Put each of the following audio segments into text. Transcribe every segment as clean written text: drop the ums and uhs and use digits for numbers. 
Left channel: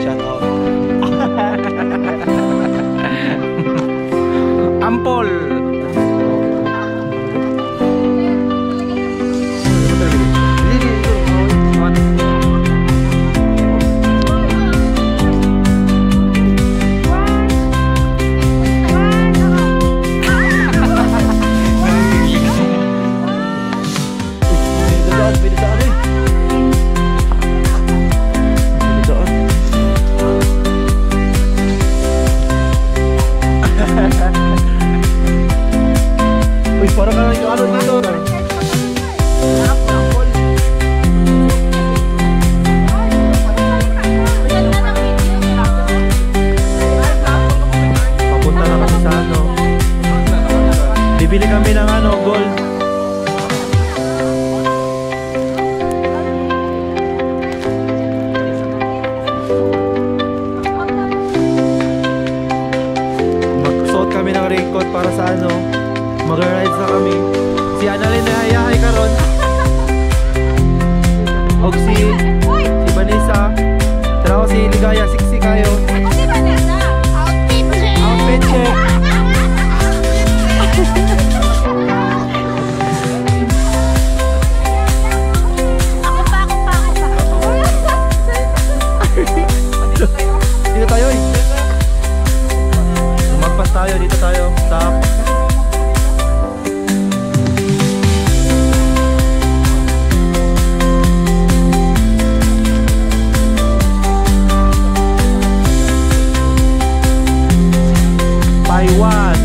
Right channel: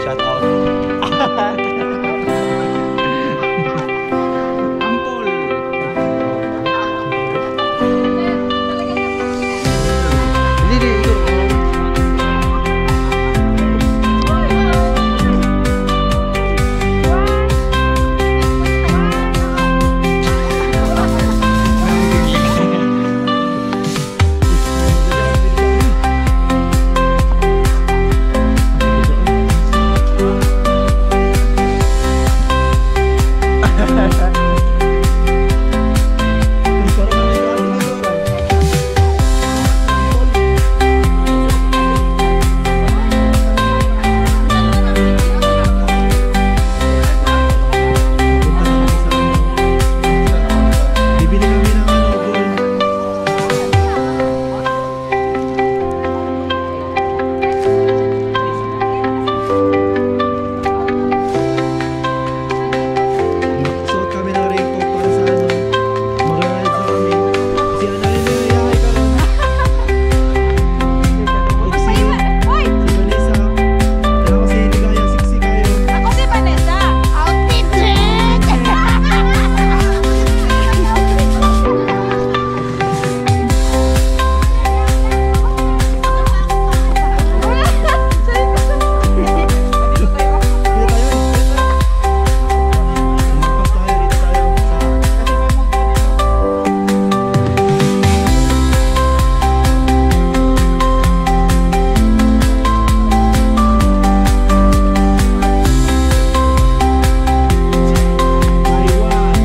Shout out. Ampol. Hindi, ito. Uy, parang ka nang ano dito. Papunta na kami sa ano. Bibili kami ng ano, gold. Magsuot kami ng raincoat para sa ano, mag-ride na kami. Si Annalyn na ayahay ka ron. Og si Vanessa. Tara ko si Ligaya, siksi kayo. Ako si Vanessa. Outfit check! Dito tayo eh. Magpas tayo, dito tayo. Sa... Taiwan.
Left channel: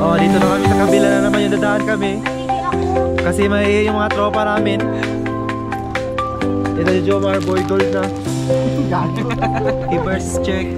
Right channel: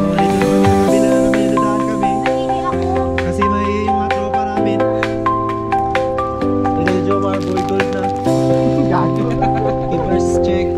Oh, dito na kami sa kabila na naman yung dadaan kami. Kasi may yung mga tropa namin. Ito yung Jomar, boy gold na. Gago. Reverse check.